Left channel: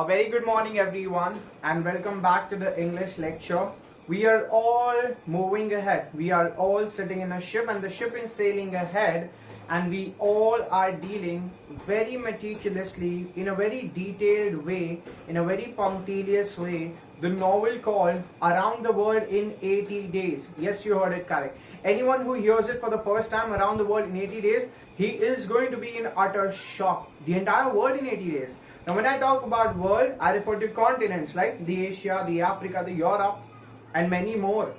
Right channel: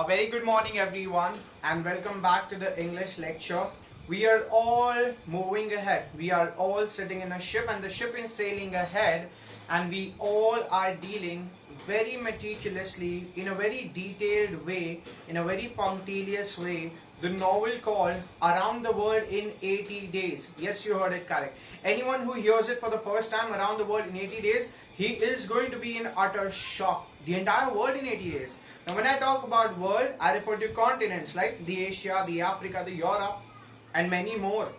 A very good morning everyone and welcome back to the English lecture. We are all moving ahead. We are all sitting in a ship and the ship is sailing ahead and we all are dealing very meticulously in a very detailed way, in a very punctilious way, the novel called Around the World in 80 Days. Yes, you heard it correct. Anyone who hears it for the first time, Around the World in 80 Days, he is going to be in utter shock. The entire world in 80 days. Now when I talk about world, I refer to continents like the Asia, the Africa, the Europe and many more.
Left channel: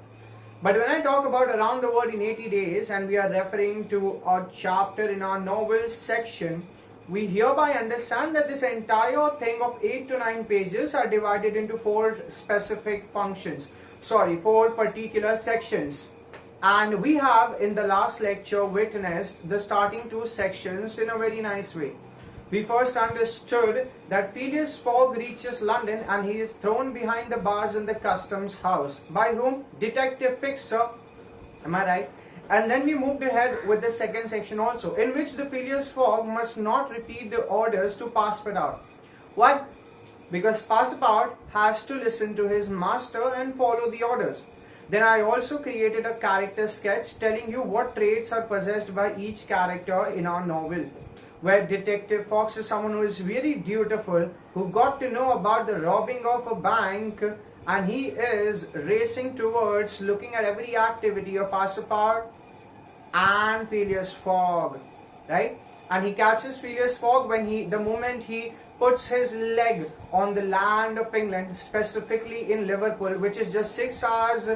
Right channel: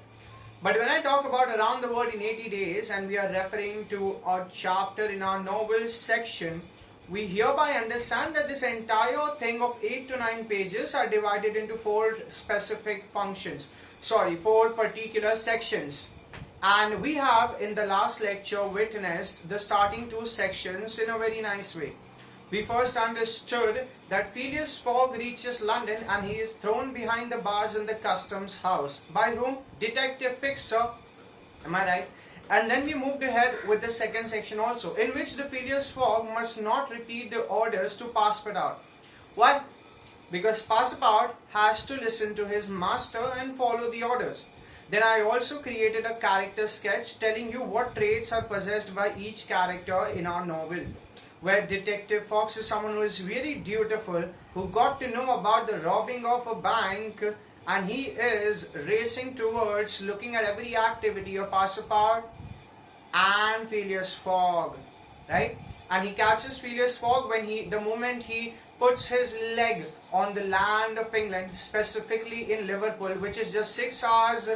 But when I talk about Around the World in 80 Days and we are referring to a chapter in our novels section, we hereby understand that this entire thing of 8 to 9 pages are divided into four particular sections. And we have in the last lecture witnessed the starting two sections in a very nice way. We first understood that Phileas Fogg reaches London and he is thrown behind the bars in the customs house. By whom? Detective Fixer. Am I right? And then we moved ahead with the second section also, in which the Phileas Fogg must not repeat the orders to Passepartout. Why? Because Passepartout has to listen to his master and follow the orders. Then I also created a character sketch telling you what traits are possessed by each character in our novel, where Detective Fox is someone who is very dutiful, who got to know about the robbing of a bank, and he is racing towards looking at every activity of Passepartout and Phileas Fogg, right? And he catches Phileas Fogg the moment he puts his leg on the land of England, specifically in Liverpool, which is just 6 hours,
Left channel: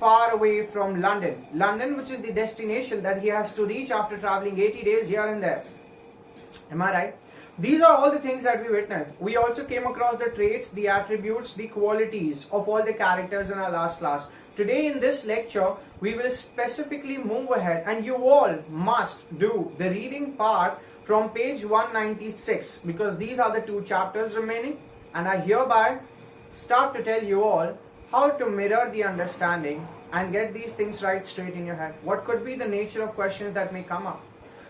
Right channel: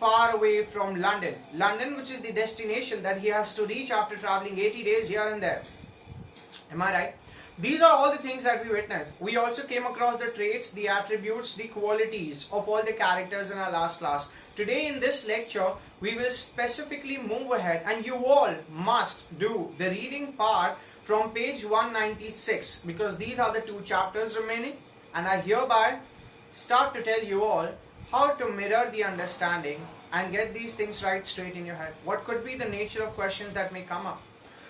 far away from London. London, which is the destination that he has to reach after traveling 80 days here and there. Am I right? These are all the things that we witnessed. We also came across the traits, the attributes, the qualities of all the characters in our last class. Today in this lecture, we will specifically move ahead and you all must do the reading part from page 196 because these are the two chapters remaining, and I hereby start to tell you all how to mirror the understanding and get these things right straight in your head. What could be the nature of questions that may come up?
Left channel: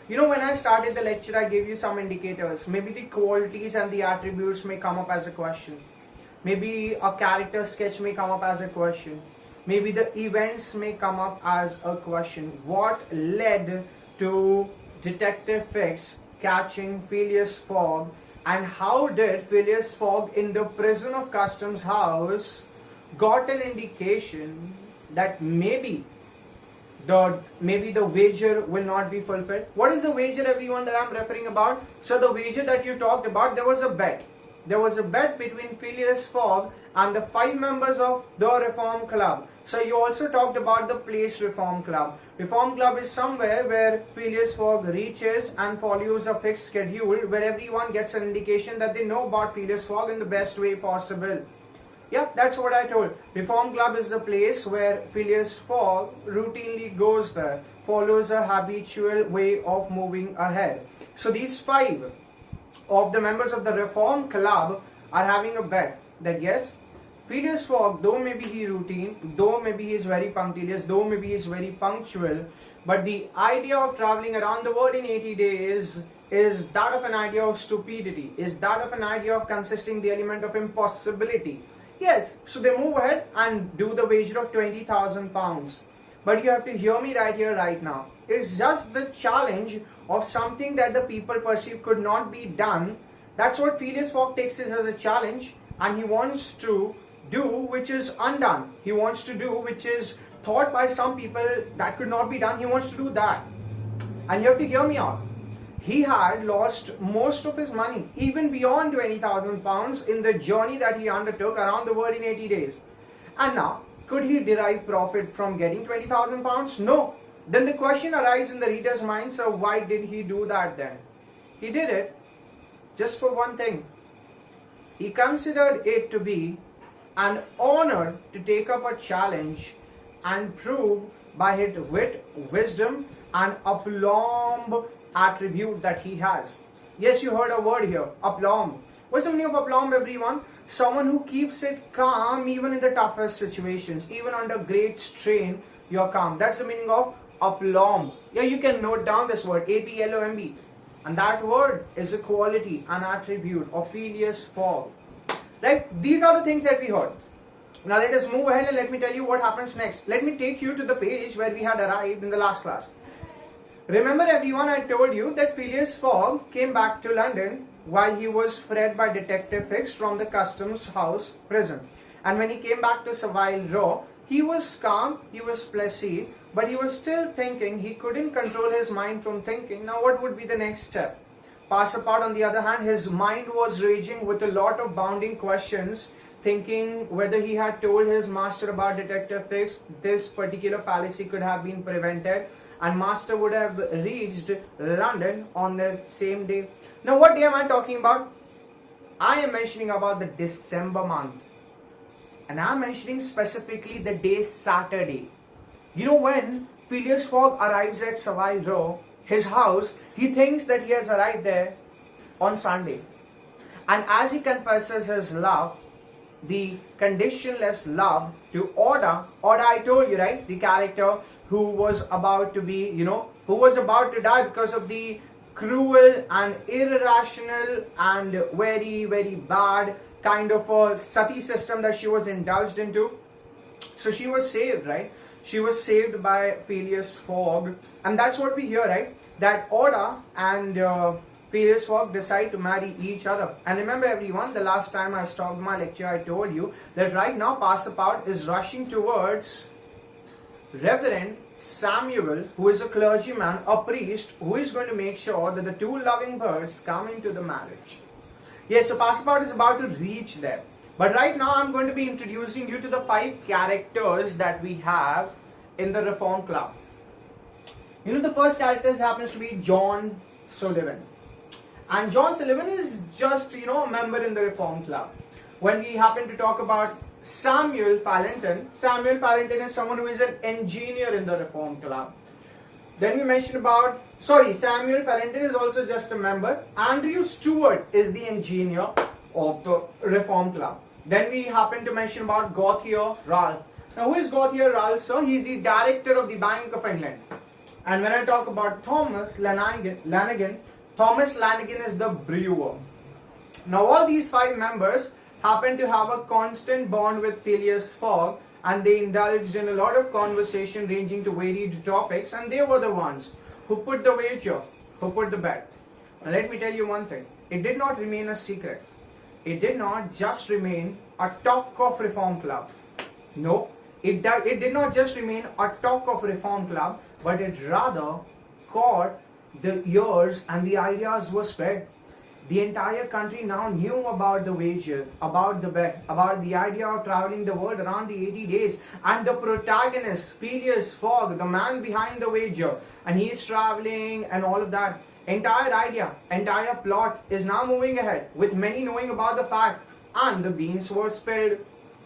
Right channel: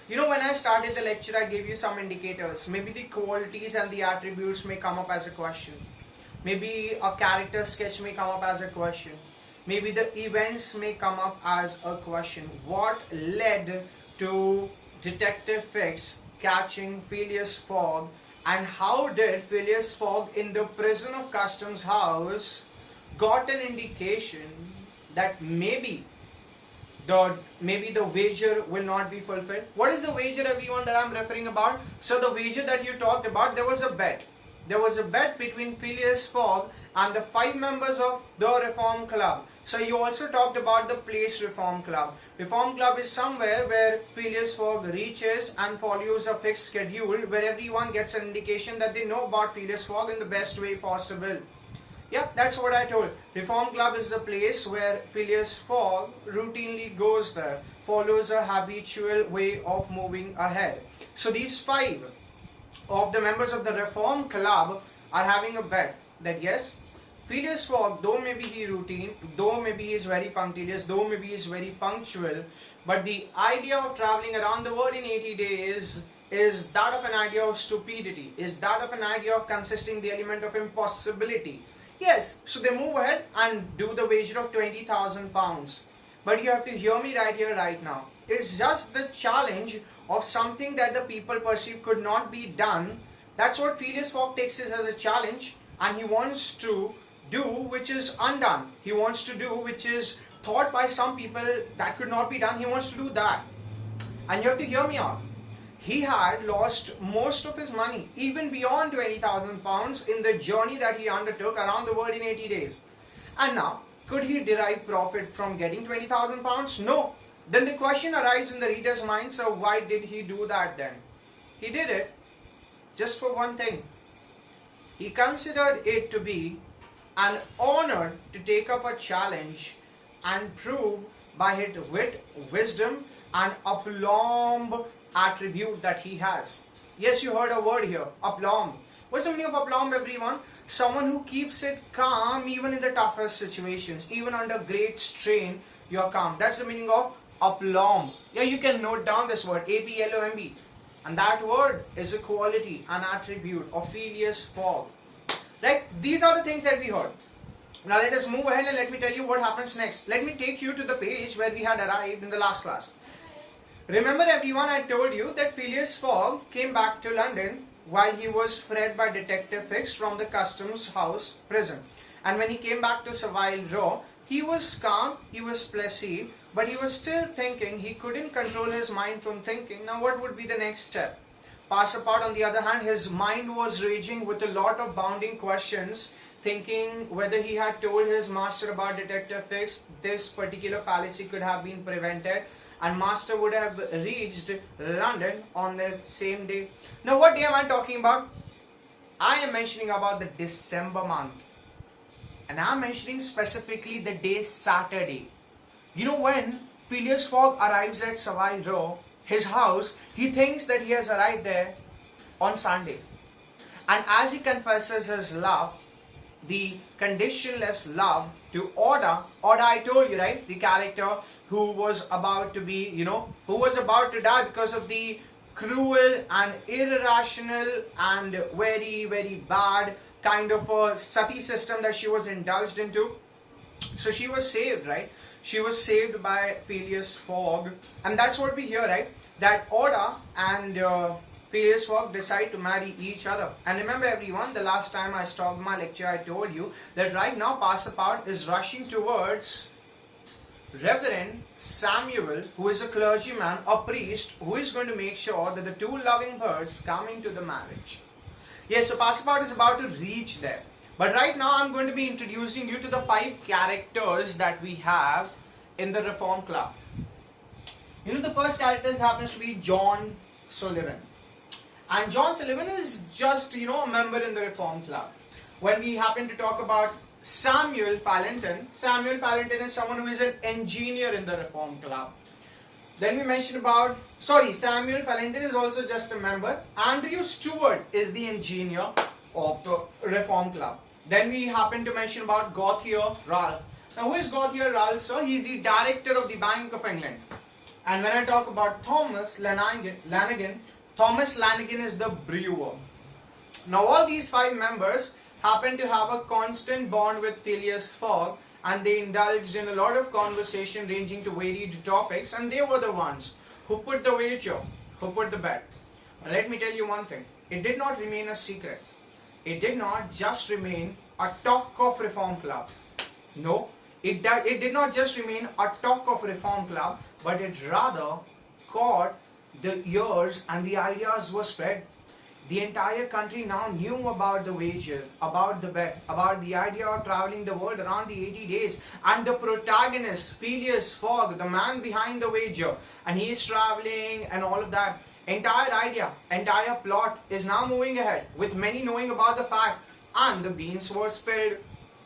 When I started the lecture, I gave you some indicators. Maybe the qualities and the attributes may come up as a question. Maybe a character sketch may come up as a question. Maybe the events may come up as a question. What led to Detective Fix catching Phileas Fogg, and how did Phileas Fogg in the prison of Customs House got an indication that maybe the wager will not be fulfilled? What is the wager, everyone, that I'm referring about? So the wager that you talked about, there was a bet. There was a bet between Phileas Fogg and the 5 members of the Reform Club. So you also talked about the Place Reform Club. Reform Club is somewhere where Phileas Fogg reaches and follows a fixed schedule where everyone gets an indication that they know about Phileas Fogg in the best way possible. Yeah, that's what I told. Reform Club is the place where Phileas Fogg routinely goes there, follows a habitual way of moving ahead. So these 5 of the members of the Reform Club are having a bet that yes, Phileas Fogg, though maybe he routine, though maybe he is very punctilious, though maybe he is very punctual, but the idea of traveling around the world in 80 days is that of an idea of stupidity, is that of an idea of consisting the element of impossibility. Yes, so they move ahead and do the wager of £20,000. But you have to hear me right here, right now. It's just the challenge of something that the people perceive could not be done. That's what Phileas Fogg takes as a challenge, and he wants to do which is undone. He wants to do which is thought by some people that could not be done. He wants to do that. And you have to hear me out. He had lost most of his money, even beyond £20,000 in the journey that he undertook around the world in 80 days. And now, could he derive profit from getting £20,000? No. Then the question arises in the reader's mind, so why did he do that then? He did it just for one thing. He considered it to be an honor to take up a challenge and prove by his wit, wisdom and aplomb attribute that he has. Yes, you heard a word here, aplomb. What's the meaning of aplomb, everyone? Someone who keeps it calm even in the toughest situations, even under great strain, you're calm. That's the meaning of aplomb. Yeah, you can note down this word, A-P-L-O-M-B. And that word is a quality, an attribute of Phileas Fogg. Right? These are the things that we heard. Now let us move ahead and let me tell you what happens next. Let me take you to the page where we had arrived in the last class. Remember everyone, I told you that Phileas Fogg came back to London while he was freed by Detective Hicks from the Customs House prison. And when he came back to Savile Row, he was calm, he was placid, but he was still thinking. He couldn't control his mind from thinking. Now what would be the next step? Passepartout, on the other hand, his mind was raging with a lot of bounding questions, thinking whether he had told his master about Detective Hicks, this particular fallacy could have been prevented, and master would have reached London on the same day. Now what day am I talking about? I am mentioning about the December month. And I am mentioning specifically the day Saturday. You know, when Phileas Fogg arrives at Savile Row, his house, he thinks that he has arrived there on Sunday. And as he confesses his love, the conditionless love to Oda, I told you, right, the character who was about to be, who was about to die because of the cruel and irrational and very, very bad kind of a sati system that she was indulged into. So she was saved, right? She was saved by Phileas Fogg. And that's what we hear, right? That Oda and Phileas Fogg decide to marry each other. And remember everyone, the last time I stopped my lecture, I told you that right now Passepartout is rushing towards Reverend Samuel, who is a clergyman, a priest, who is going to make sure that the two loving birds come into the marriage. Yes, so Passepartout is about to reach there. But right now I'm going to be introducing you to the 5 characters that we have in the Reform Club. The first character happens to be John Sullivan. And John Sullivan is just, a member in the Reform Club. When we happen to talk about Samuel Fallentin is someone who is an engineer in the Reform Club. Then we mentioned about, Samuel Fallentin is also just a member. Andrew Stewart is the engineer of the Reform Club. Then we happen to mention about Gauthier Ralph. Now who is Gauthier Ralph, sir? He is the director of the Bank of England. And when I talk about Thomas Lanigan is the brewer. Now all these 5 members happen to have a constant bond with Phileas Fogg, and they indulged in a lot of conversation ranging to varied topics, and they were the ones who put the wager, who put the bet. Now let me tell you one thing, it did not remain a secret. It did not just remain a talk of Reform Club. No, it did not just remain a talk of Reform Club, but it rather caught the ears and the ideas were spread. The entire country now knew about the wager, about the bet, about the idea of traveling the world around the 80 days. And the protagonist, Phileas Fogg, the man behind the wager, and he is traveling and all of that. Entire idea, entire plot is now moving ahead, with many knowing about the fact, and the beans were spilled.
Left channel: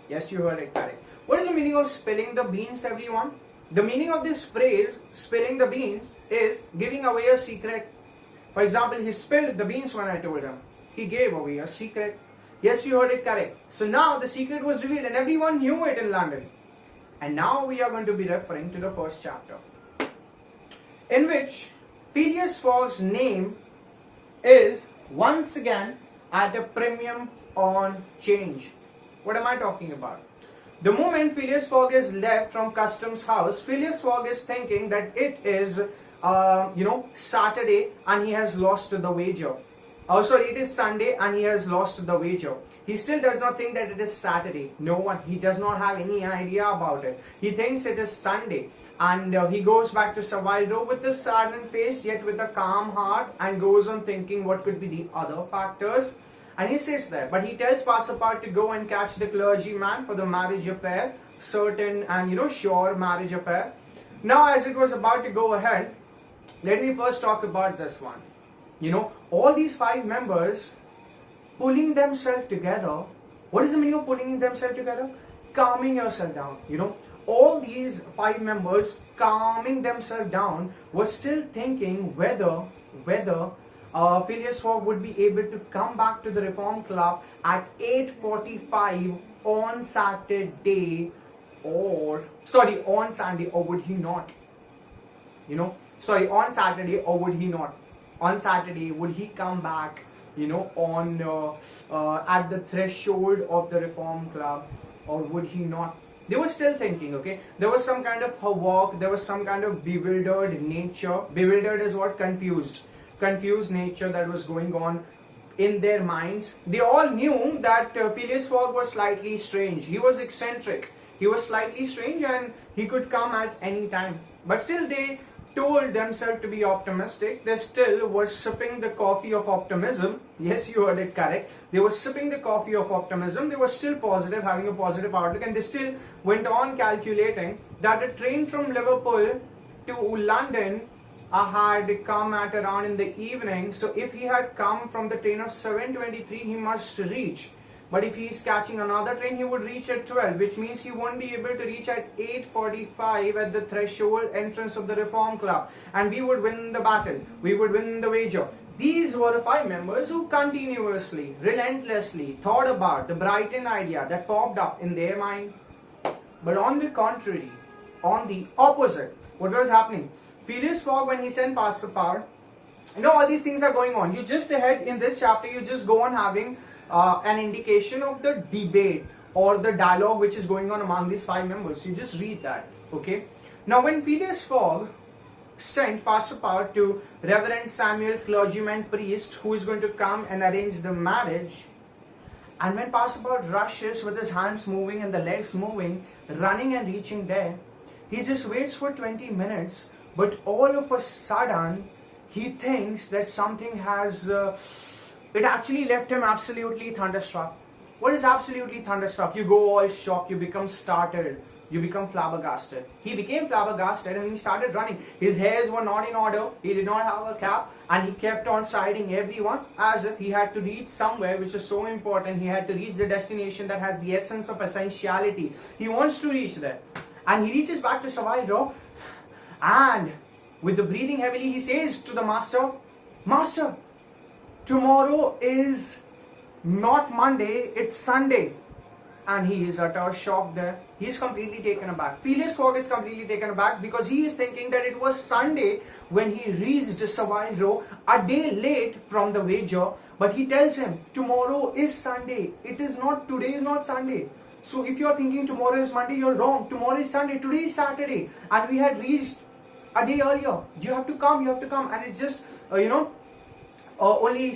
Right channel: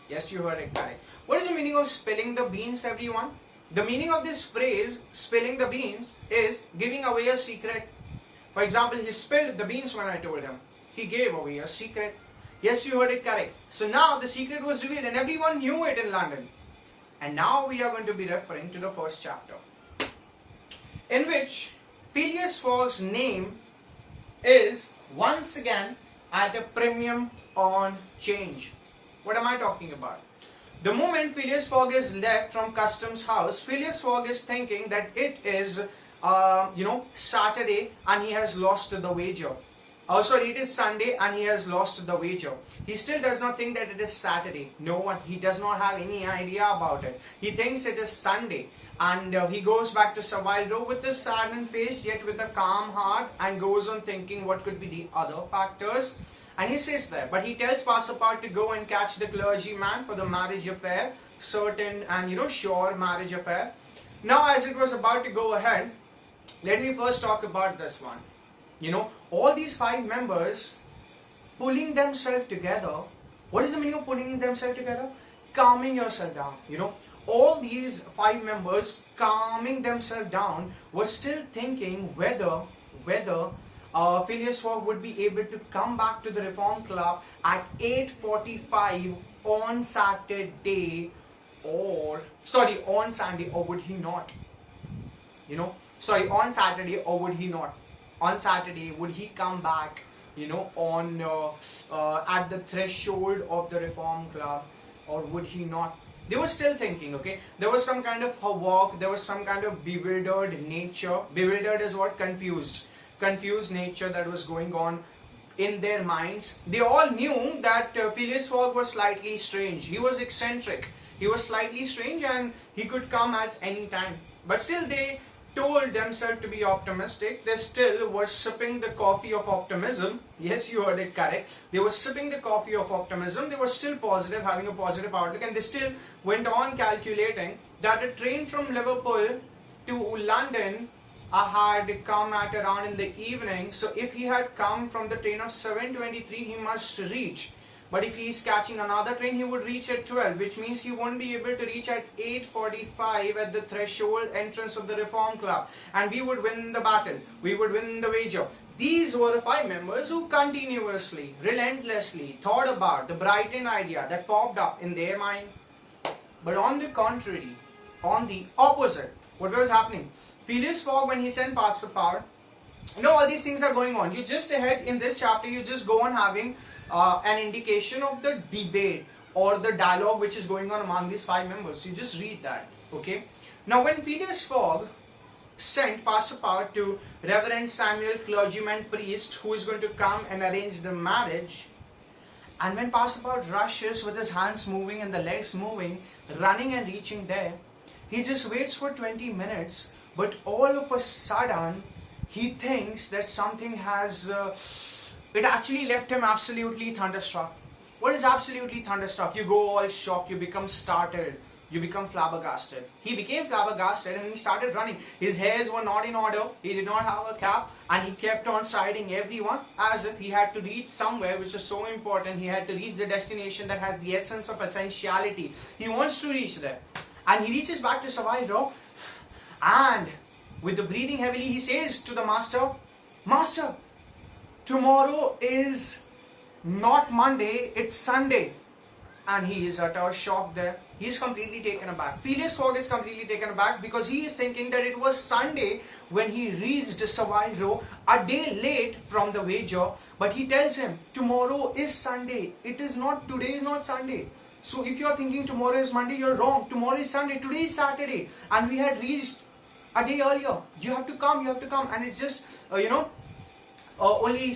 Yes, you heard it correct. What is the meaning of spilling the beans, everyone? The meaning of this phrase, spilling the beans, is giving away a secret. For example, he spilled the beans when I told him. He gave away a secret. Yes, you heard it correct. So now the secret was revealed and everyone knew it in London. And now we are going to be referring to the first chapter, in which Phileas Fogg's name is once again at a premium on change. What am I talking about? The moment Phileas Fogg is left from Customs House, Phileas Fogg is thinking that it is Saturday and he has lost the wager. It is Sunday and he has lost the wager. He still does not think that it is Saturday. He does not have any idea about it. He thinks it is Sunday. And he goes back to Savile Row with a saddened face, yet with a calm heart, and goes on thinking what could be the other factors. And he sits there, but he tells Passepartout to go and catch the clergyman for the marriage affair, certain and sure marriage affair. Now, as it was about to go ahead, let me first talk about this one. All these 5 members pulling themselves together. What is the meaning of pulling themselves together? Calming yourself down. All these 5 members calming themselves down were still thinking whether Phileas Fogg would be able to come back to the Reform Club at 8:45 on Saturday on Sunday, or would he not? On Saturday, or would he not? on Saturday, would he come back, on at the threshold of the Reform Club, or would he not? They were still thinking, okay? There was some kind of havoc, there was some kind of bewildered nature. Bewildered is what? Confused. Confused nature that was going on in their minds. They all knew that Phileas Fogg was slightly strange. He was eccentric. He was slightly strange and he could come at any time. But still they told themselves to be optimistic. They still were sipping the coffee of optimism. Yes, you heard it correct. They were sipping the coffee of optimism. They were still positive, having a positive outlook, and they still went on calculating that a train from Liverpool to London had come at around in the evening. So if he had come from the train of 7:23, he must reach. But if he is catching another train, he would reach at 12, which means he won't be able to reach at 8:45 at the threshold entrance of the Reform Club. And we would win the battle. We would win the wager. These were the 5 members who continuously, relentlessly thought about the Brighton idea that popped up in their mind. But on the contrary, on the opposite, what was happening? Phileas Fogg, when he sent Passepartout, all these things are going on. You just ahead in this chapter, you just go on having an indication of the debate or the dialogue which is going on among these 5 members. You just read that, okay? Now, when Phileas Fogg sent Passepartout to Reverend Samuel, clergyman priest, who is going to come and arrange the marriage, and when Passepartout rushes with his hands moving and the legs moving, running and reaching there, he just waits for 20 minutes, but all of a sudden, he thinks that something has... it actually left him absolutely thunderstruck. What is absolutely thunderstruck? You go all shocked, you become startled, you become flabbergasted. He became flabbergasted and he started running. His hairs were not in order, he did not have a cap, and he kept on siding everyone as if he had to reach somewhere which is so important. He had to reach the destination that has the essence of essentiality. He wants to reach there. And he reaches back to Savile Row, and with the breathing heavily, he says to the master, "Master, tomorrow is not Monday, it's Sunday." And he is utter shock there. He is completely taken aback. Phileas Fogg is completely taken aback because he is thinking that it was Sunday when he reached Savile Row, a day late from the wager. But he tells him, tomorrow is Sunday. It is not, today is not Sunday. So if you are thinking tomorrow is Monday, you're wrong. Tomorrow is Sunday, today is Saturday. And we had reached a day earlier. You have to come, you have to come. And it's just, only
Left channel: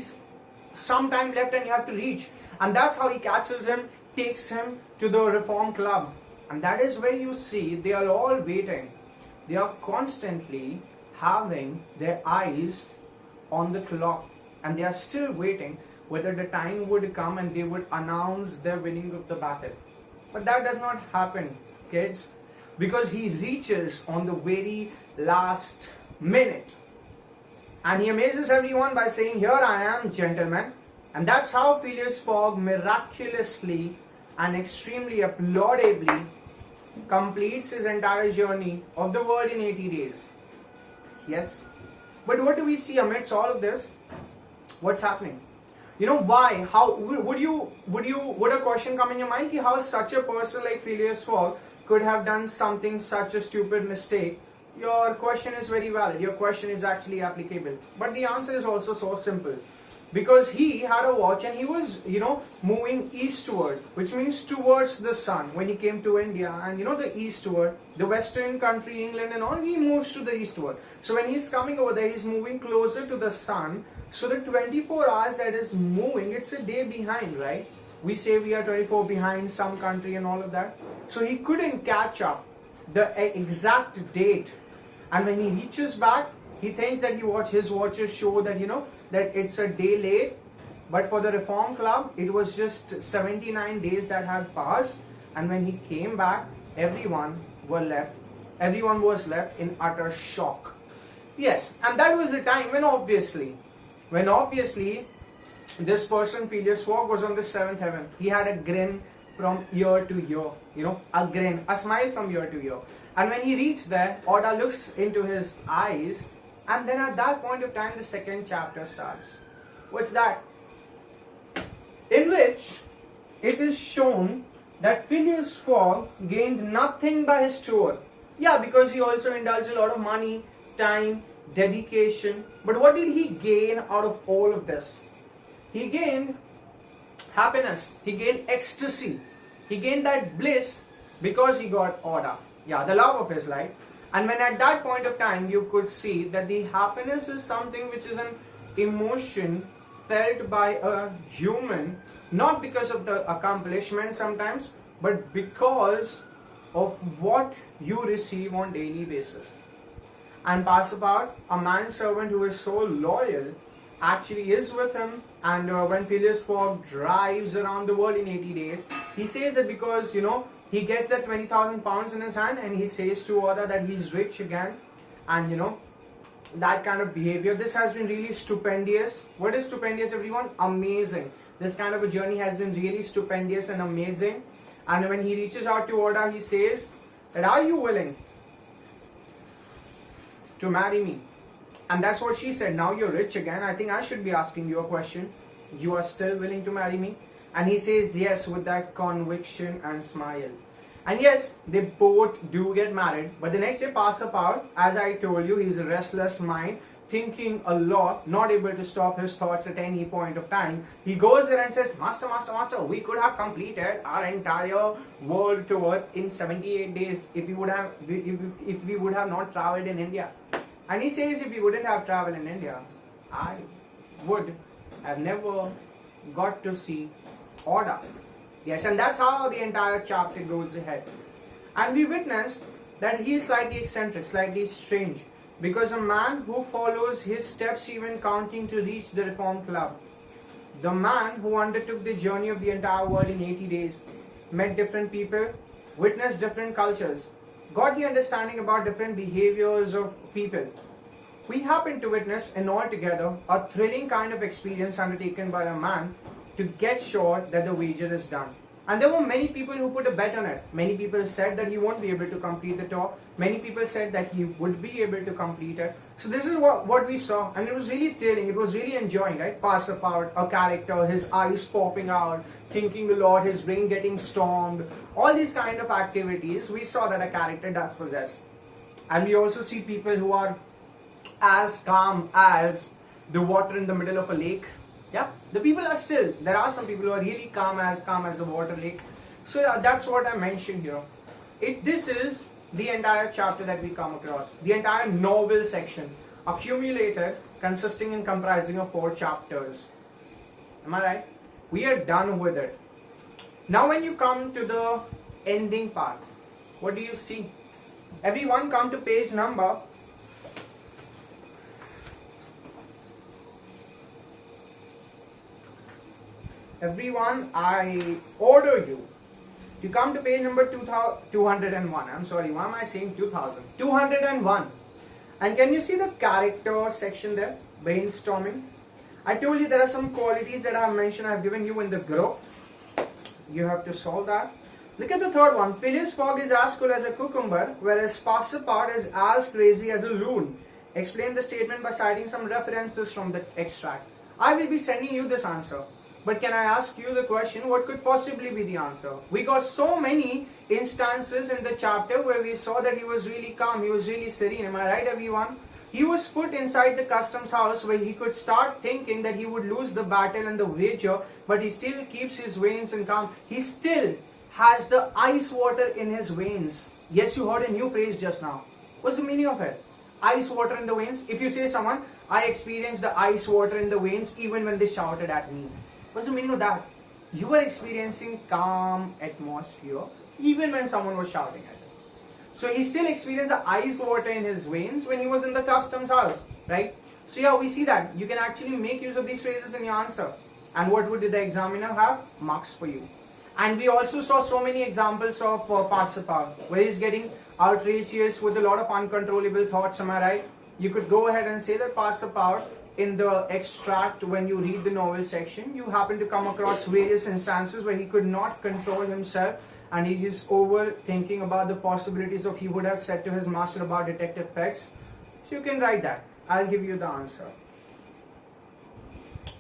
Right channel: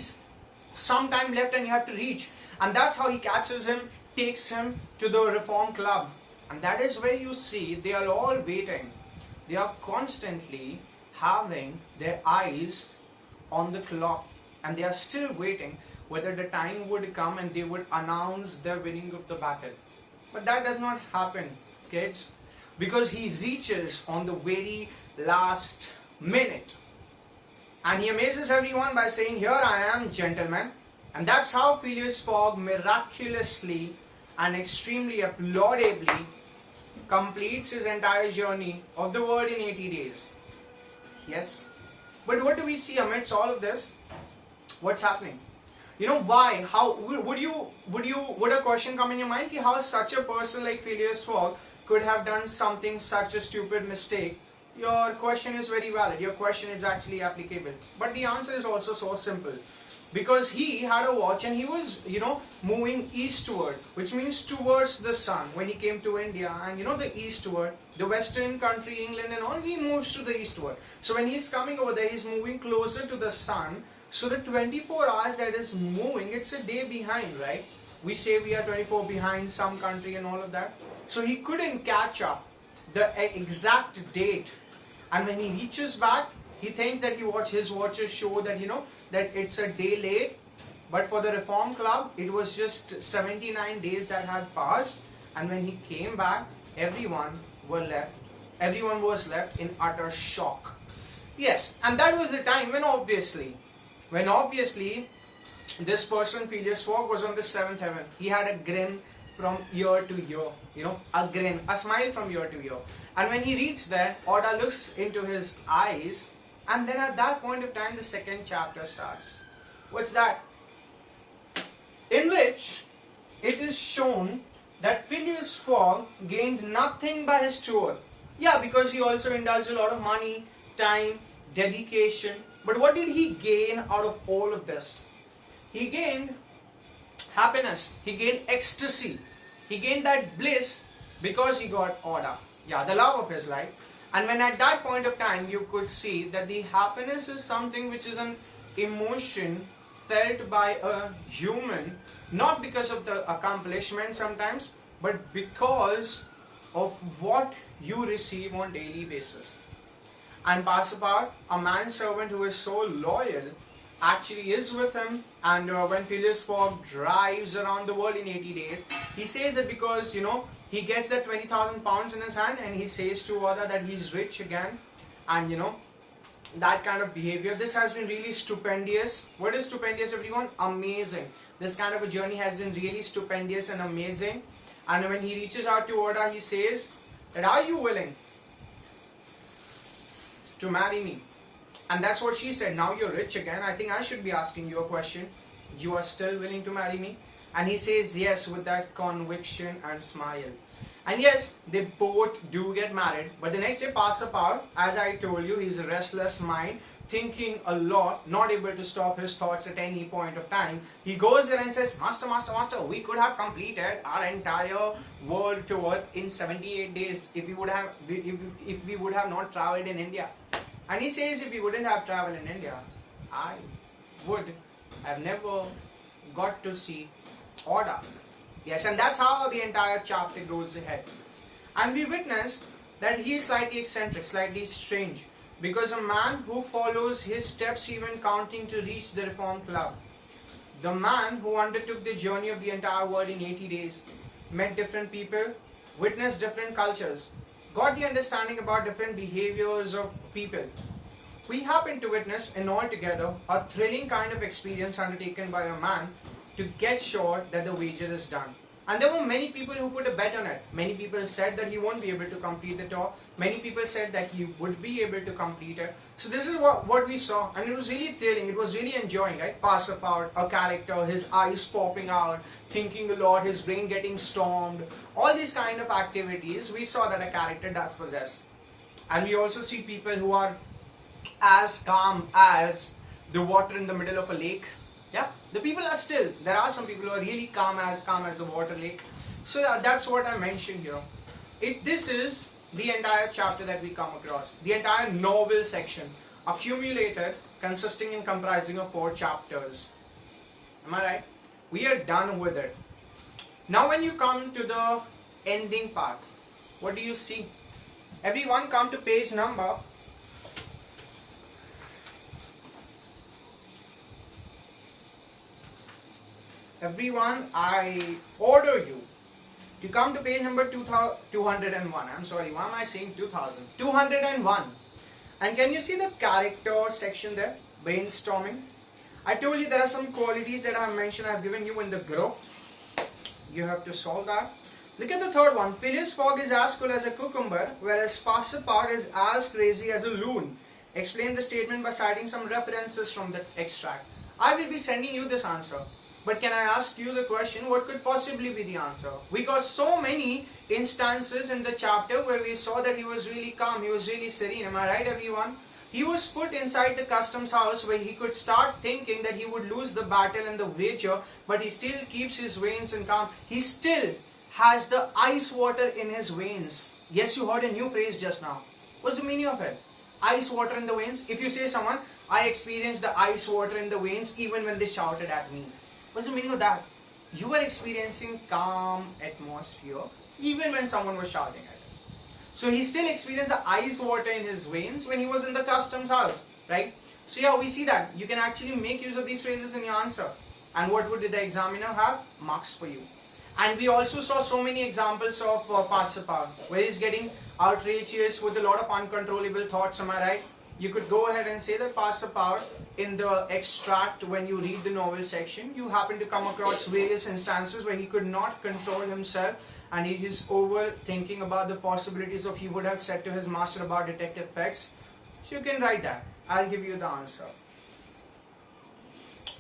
some time left and you have to reach. And that's how he catches him, takes him to the Reform Club. And that is where you see they are all waiting. They are constantly having their eyes on the clock. And they are still waiting whether the time would come and they would announce their winning of the battle. But that does not happen, kids, because he reaches on the very last minute. And he amazes everyone by saying, "Here I am, gentlemen." And that's how Phileas Fogg miraculously and extremely applaudably completes his entire journey of the world in 80 days. Yes. But what do we see amidst all of this? What's happening? Why? How would a question come in your mind? How such a person like Phileas Fogg could have done something such a stupid mistake? Your question is very valid. Your question is actually applicable. But the answer is also so simple. Because he had a watch and he was, moving eastward, which means towards the sun when he came to India. And the eastward, the western country, England and all, he moves to the eastward. So when he's coming over there, he's moving closer to the sun. So the 24 hours that is moving, it's a day behind, right? We say we are 24 behind some country and all of that. So he couldn't catch up the exact date. And when he reaches back, he thinks that his watches show that, that it's a day late. But for the Reform Club, it was just 79 days that had passed. And when he came back, everyone was left in utter shock. Yes, and that was the time when obviously this person, Phileas Fogg, was on the 7th heaven. He had a grin from ear to ear, a smile from ear to ear. And when he reached there, Oda looks into his eyes, and then at that point of time, the second chapter starts. What's that? In which it is shown that Phileas Fogg gained nothing by his tour. Yeah, because he also indulged a lot of money, time, dedication. But what did he gain out of all of this? He gained happiness, he gained ecstasy, he gained that bliss because he got order. Yeah, the love of his life. And when at that point of time you could see that the happiness is something which is an emotion felt by a human, not because of the accomplishment sometimes, but because of what you receive on daily basis. And Pasapar, a manservant who is so loyal, actually is with him. And when Phileas Fogg drives around the world in 80 days, he says that because, he gets that 20,000 pounds in his hand and he says to Oda that he's rich again. And, that kind of behavior. This has been really stupendous. What is stupendous, everyone? Amazing. This kind of a journey has been really stupendous and amazing. And when he reaches out to Oda, he says that, are you willing to marry me? And that's what she said. Now you're rich again. I think I should be asking you a question. You are still willing to marry me? And he says yes with that conviction and smile. And yes, they both do get married. But the next day, Pasapar, as I told you, he's a restless mind, thinking a lot, not able to stop his thoughts at any point of time. He goes there and says, Master, we could have completed our entire world tour in 78 days if we would have not traveled in India. And he says if we wouldn't have traveled in India, I would have never got to see order. Yes, and that's how the entire chapter goes ahead. And we witness that he is slightly eccentric, slightly strange, because a man who follows his steps even counting to reach the Reform Club, the man who undertook the journey of the entire world in 80 days, met different people, witnessed different cultures, got the understanding about different behaviors of people. We happen to witness and altogether a thrilling kind of experience undertaken by a man to get sure that the wager is done. And there were many people who put a bet on it. Many people said that he won't be able to complete the tour. Many people said that he would be able to complete it. So this is what we saw, and it was really thrilling. It was really enjoying, right? Pasapar, a character, his eyes popping out, thinking a lot, his brain getting stormed. All these kind of activities, we saw that a character does possess. And we also see people who are as calm as the water in the middle of a lake. Yeah, the people are still, there are some people who are really calm as the water lake. So yeah, that's what I mentioned here. This is the entire chapter that we come across. The entire novel section, accumulated, consisting and comprising of 4 chapters. Am I right? We are done with it. Now when you come to the ending part, what do you see? Everyone come to page number 'Everyone, I order you to come to page number 201. I'm sorry, why am I saying 2000? 201. And can you see the character section there? Brainstorming. I told you there are some qualities that I have mentioned, I have given you in the group. You have to solve that. Look at the third one. Phileas Fogg is as cool as a cucumber, whereas Pasapar is as crazy as a loon. Explain the statement by citing some references from the extract. I will be sending you this answer. But can I ask you the question, what could possibly be the answer? We got so many instances in the chapter where we saw that he was really calm, he was really serene. Am I right, everyone? He was put inside the customs house where he could start thinking that he would lose the battle and the wager, but he still keeps his veins in calm. He still has the ice water in his veins. Yes, you heard a new phrase just now. What's the meaning of it? Ice water in the veins. If you say someone, I experienced the ice water in the veins even when they shouted at me. What's the meaning of that? You were experiencing calm atmosphere even when someone was shouting at him. So he still experienced the ice water in his veins when he was in the customs house, right? So yeah, we see that. You can actually make use of these phrases in your answer. And what would the examiner have? Marks for you. And we also saw so many examples of Pasapar, where he's getting outrageous with a lot of uncontrollable thoughts, am I right? You could go ahead and say that Pasapar, in the extract, when you read the novel section, you happen to come across various instances where he could not control himself and he is overthinking about the possibilities of he would have said to his master about detective facts. So you can write that. I'll give you the answer.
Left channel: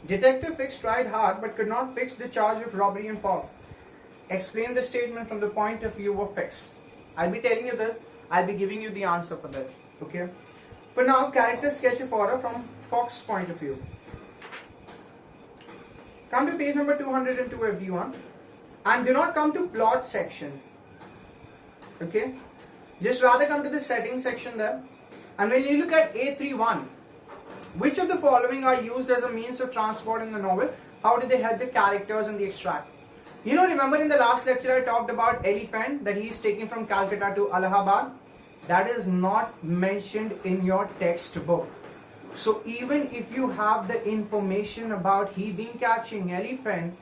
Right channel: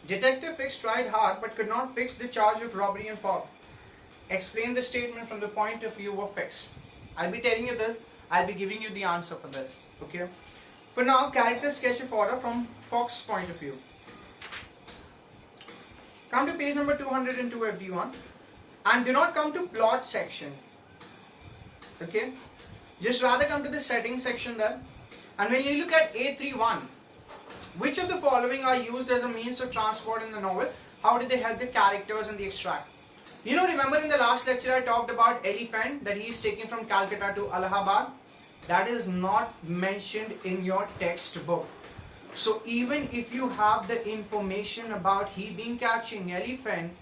Detective Fix tried hard but could not fix the charge of robbery and Fogg. Explain the statement from the point of view of Fix. I'll be telling you this. I'll be giving you the answer for this. Okay. For now, character sketch of horror from Fox's point of view. Come to page number 202, everyone, and do not come to plot section. Okay, just rather come to the settings section there. And when you look at A31, which of the following are used as a means of transporting the novel? How do they help the characters in the extract? You know, remember in the last lecture I talked about elephant that he is taking from Calcutta to Allahabad? That is not mentioned in your textbook. So even if you have the information about he been catching elephant,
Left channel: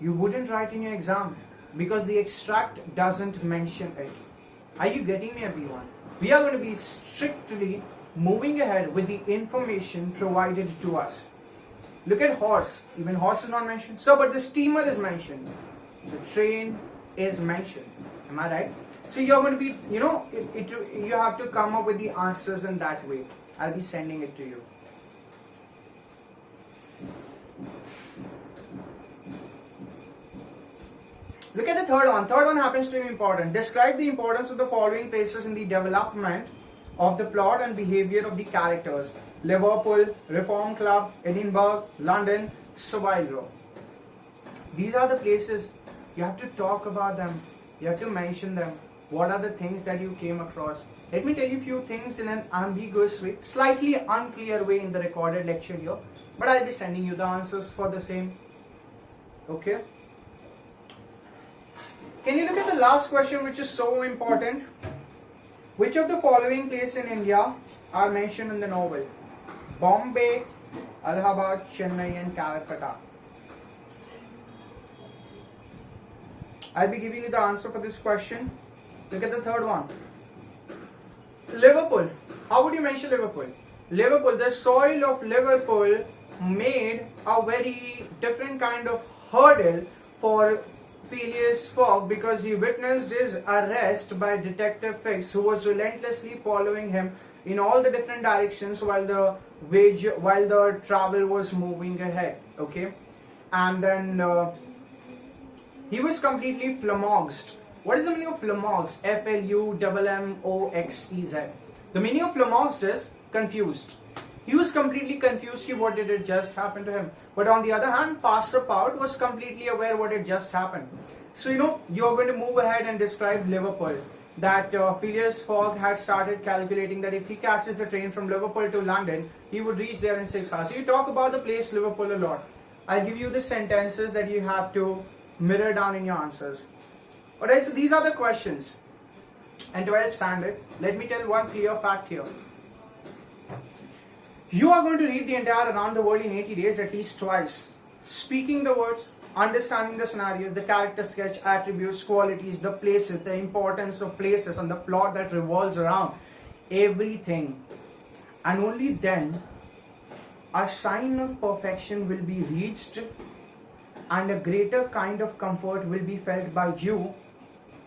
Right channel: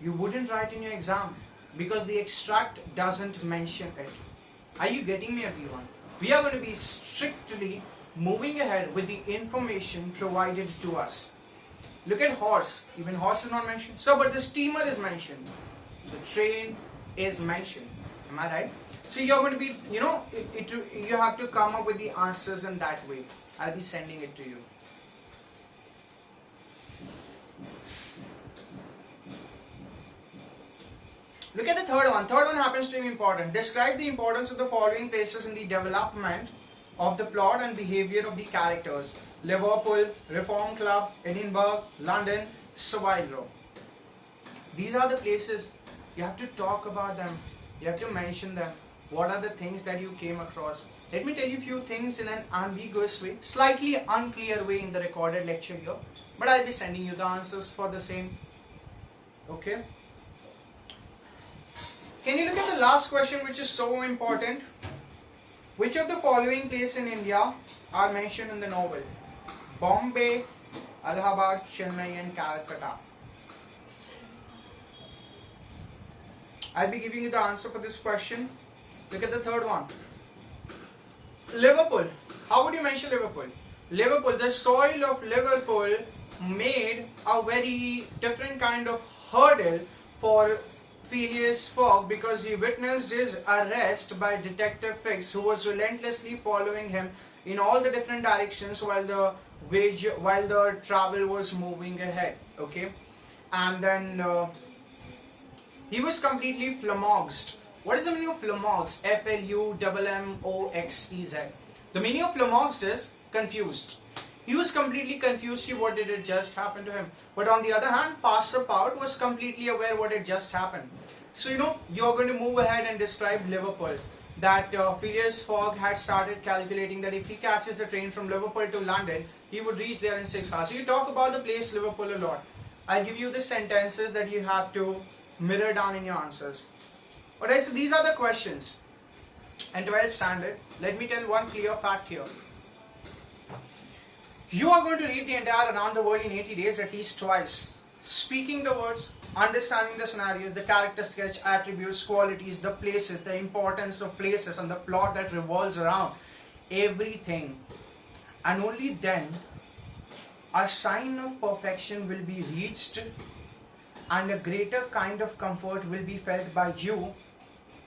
you wouldn't write in your exam because the extract doesn't mention it. Are you getting me, everyone? We are going to be strictly moving ahead with the information provided to us. Look at horse. Even horse is not mentioned. So, but the steamer is mentioned. The train is mentioned. Am I right? So you're going to be, you know, you have to come up with the answers in that way. I'll be sending it to you. Look at the third one. Third one happens to be important. Describe the importance of the following places in the development of the plot and behavior of the characters. Liverpool, Reform Club, Edinburgh, London, Savile Row. These are the places. You have to talk about them. You have to mention them. What are the things that you came across? Let me tell you a few things in an ambiguous way, slightly unclear way in the recorded lecture here. But I'll be sending you the answers for the same. Okay? Can you look at the last question, which is so important? Which of the following places in India are mentioned in the novel? Bombay, Allahabad, Chennai and Calcutta. I'll be giving you the answer for this question. Look at the third one. Liverpool. How would you mention Liverpool? Liverpool, the soil of Liverpool made a very different kind of hurdle for Phileas Fogg because he witnessed his arrest by Detective Fix, who was relentlessly following him in all the different directions while the travel was moving ahead. Okay, and then he was completely flummoxed. What is the meaning of flummoxed? F-L-U-M-M-O-X-E-Z. The meaning of flummoxed is confused. He was completely confused. What did it just happen to him? But on the other hand, Passepartout was completely aware what had just happened. So you know, you're going to move ahead and describe Liverpool. That Phileas Fogg had started calculating that if he catches the train from Liverpool to London, he would reach there in 6 hours. So you talk about the place Liverpool a lot. I'll give you the sentences that you have to mirror down in your answers. Alright, so these are the questions. And 12 standard. Let me tell one clear fact here. You are going to read the entire Around the World in 80 days at least twice. Speaking the words, understanding the scenarios, the character sketch, attributes, qualities, the places, the importance of places and the plot that revolves around everything. And only then a sign of perfection will be reached and a greater kind of comfort will be felt by you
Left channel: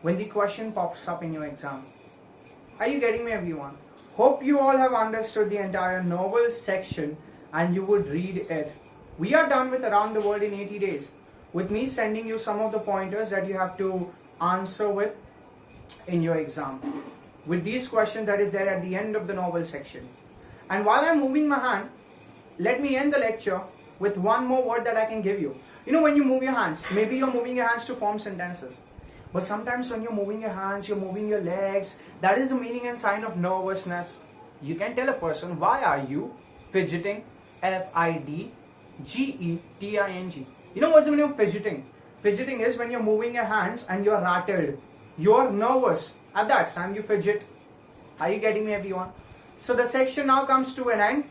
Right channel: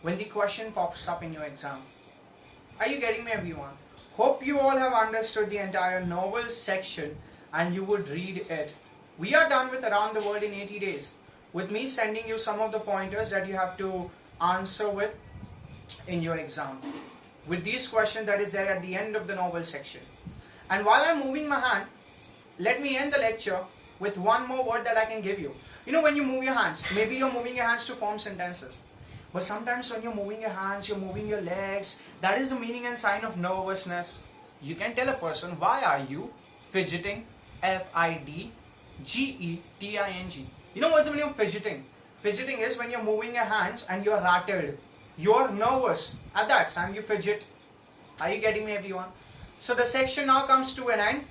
when the question pops up in your exam. Are you getting me, everyone? Hope you all have understood the entire novel section and you would read it. We are done with Around the World in 80 days. With me sending you some of the pointers that you have to answer with in your exam. With these questions that is there at the end of the novel section. And while I'm moving my hand, let me end the lecture with one more word that I can give you. You know, when you move your hands, maybe you're moving your hands to form sentences. But sometimes when you're moving your hands, you're moving your legs, that is the meaning and sign of nervousness. You can tell a person, why are you fidgeting? F-I-D-G-E-T-I-N-G. You know what's the meaning of fidgeting? Fidgeting is when you're moving your hands and you're rattled. You're nervous. At that time you fidget. Are you getting me, everyone? So the section now comes to an end.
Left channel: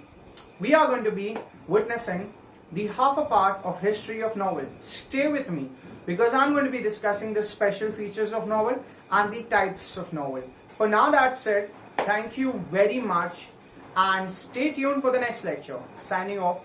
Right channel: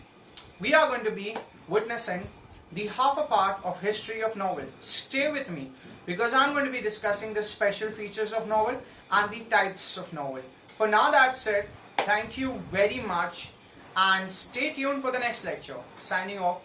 We are going to be witnessing the half a part of history of novel. Stay with me because I'm going to be discussing the special features of novel and the types of novel. For now, that's it. Thank you very much and stay tuned for the next lecture. Signing off.